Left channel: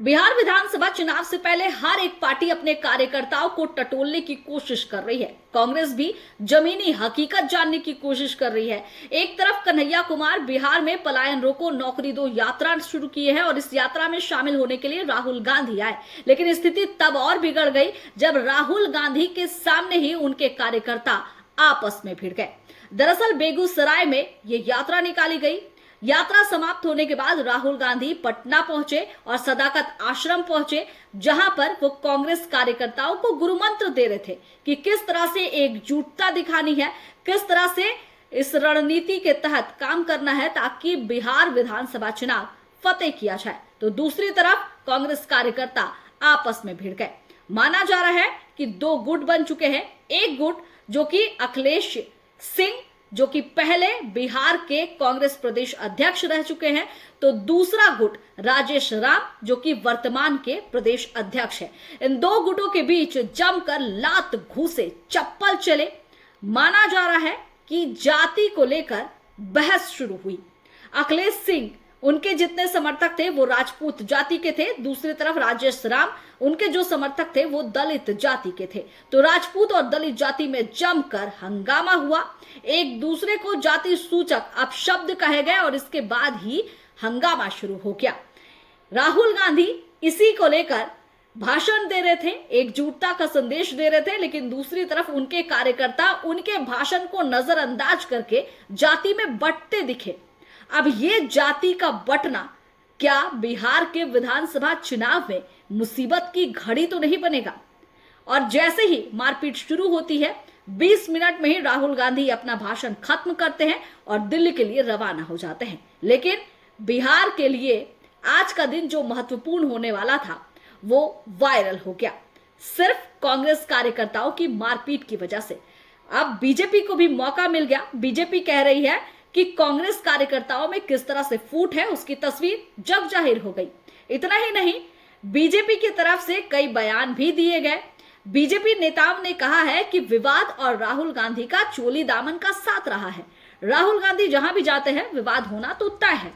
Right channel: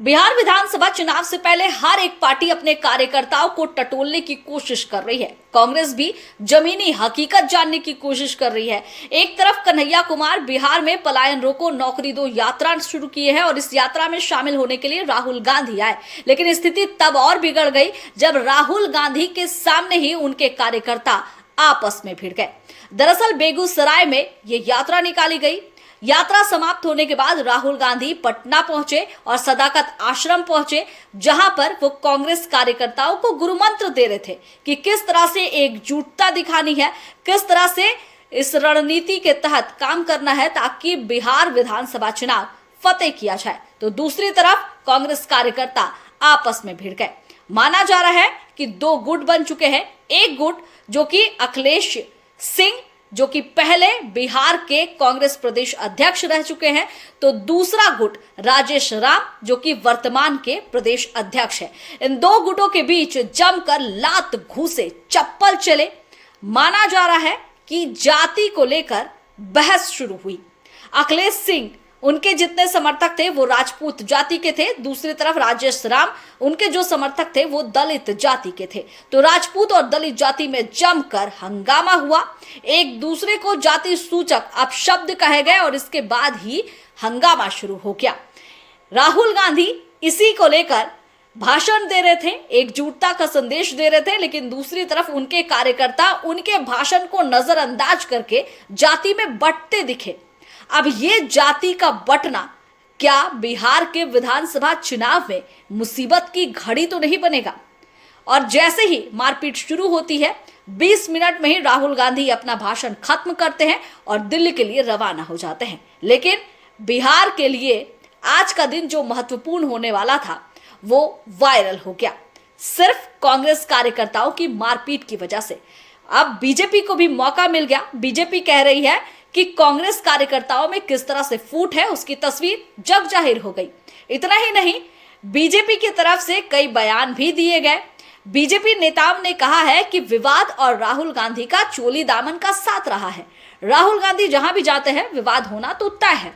बिहार विधानसभा चुनाव से पहले हर एक पार्टी अपने कार्यकर्ताओं को टटोलने की कोशिश कर रही है। कांग्रेस भी जमीनी हकीकत जानने की कोशिश कर रही है। एक तरफ कन्हैया कुमार बिहार में पलायन रोको नौकरी दो यात्रा शुरू की है और इस यात्रा में शामिल होने के लिए राहुल गांधी आए, लेकिन स्थिति तब और बिगड़ गई जब राहुल गांधी के सामने ही उनके कार्यकर्ता आपस में भिड़ गए। दरअसल बेगूसराय में ये यात्रा निकाली गई। यात्रा समाप्त होने के बाद राहुल गांधी पटना पहुंचे और सदाकत आश्रम पहुंचे, जहां पर वो कांग्रेस कार्यकर्ताओं को गुरु मंत्र दे रहे थे कि किस तरह से एकजुटता दिखानी है, किस तरह से इस रणनीति के तहत काम करना है ताकि बिहार विधानसभा चुनाव फतेह किया जाए। तो दूसरी तरफ कांग्रेस कार्यकर्ता आपस में भिड़ गए। माना जा रहा है कि दो गुट बन चुके हैं। एक गुट जो कि अखिलेश सिंह, जो कि पहले बिहार के कांग्रेस प्रदेश अध्यक्ष रह चुके हैं, तो दूसरा गुट राजेश राम, जो कि वर्तमान के प्रदेश अध्यक्ष है। इन दो गुटों के बीच जमकर लात घूसे चप्पल चले। माना जा रहा है कि जाति को लेकर बहस शुरू हुई। अखिलेश सिंह, उनके जितने समर्थक थे वो राजपूत जाति के थे, दूसरी तरफ राजेश राम, उनके जो समर्थक थे वो दलित जाति के थे। तो राजपूत और दलित जाति में जमकर हंगामा हुआ। एक दूसरे को जाति सूचक अपशब्द कहे गए और इसके बाद ही हंगामा शुरू हो गया। राहुल गांधी इसी को लेकर भाषण दे रहे थे, एकजुटता का संदेश दे रहे थे, लेकिन दूसरी तरफ उनके कार्यकर्ता उनके भाषण को नजरअंदाज करके जाति में बंटते दिखे। अब ये जाति का बंटना क्या बिहार के विधानसभा चुनाव में मुसीबत की घड़ी तो नहीं बनेगा? और जैसे ही मारपीट शुरू होती है, 20 मिनट में ही राहुल गांधी अपना भाषण खत्म करते हैं और दिल्ली के लिए रवाना हो जाते हैं। लेकिन बिहार के लिए आज का दिन जो महत्वपूर्ण होने वाला था वो वायरल हो गया, सिर्फ कांग्रेस कार्यकर्ताओं की मारपीट की वजह से। अब बीजेपी को भी मौका मिल गया। बीजेपी कह रही है कि कांग्रेस कार्यकर्ताओं में किस तरह से फूट है उसकी तस्वीर जग जाहिर हो गई। इतना ही नहीं, बीजेपी की तरफ से कई बयान भी दिए गए। बीजेपी नेताओं ने कहा है कि विवाद और राहुल गांधी का चोली दामन का साथ रहा है। राहुल गांधी जहां भी जाते हैं विवाद होना तो तय है।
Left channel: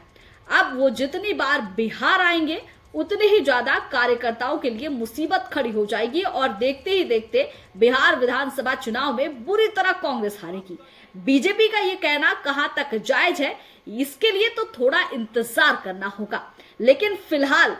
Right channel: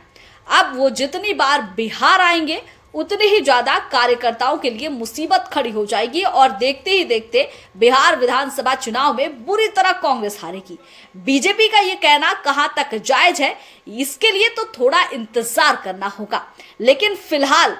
अब वो जितनी बार बिहार आएंगे उतनी ही ज्यादा कार्यकर्ताओं के लिए मुसीबत खड़ी हो जाएगी और देखते ही देखते बिहार विधानसभा चुनाव में बुरी तरह कांग्रेस हारेगी। बीजेपी का ये कहना कहां तक जायज है, इसके लिए तो थोड़ा इंतजार करना होगा। लेकिन फिलहाल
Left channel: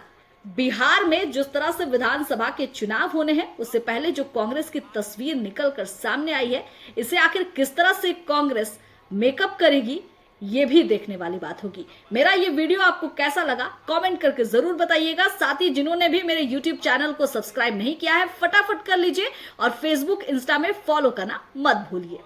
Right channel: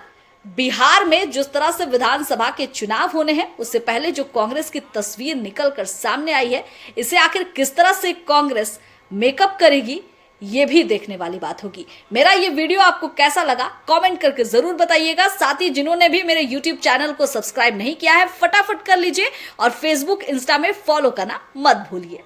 बिहार में जिस तरह से विधानसभा के चुनाव होने हैं, उससे पहले जो कांग्रेस की तस्वीर निकलकर सामने आई है, इसे आखिर किस तरह से कांग्रेस मेकअप करेगी, ये भी देखने वाली बात होगी। मेरा ये वीडियो आपको कैसा लगा कमेंट करके जरूर बताइएगा। साथ ही जिन्होंने भी मेरे YouTube चैनल को सब्सक्राइब नहीं किया है, फटाफट कर लीजिए और Facebook, इंस्टा में फॉलो करना मत भूलिए।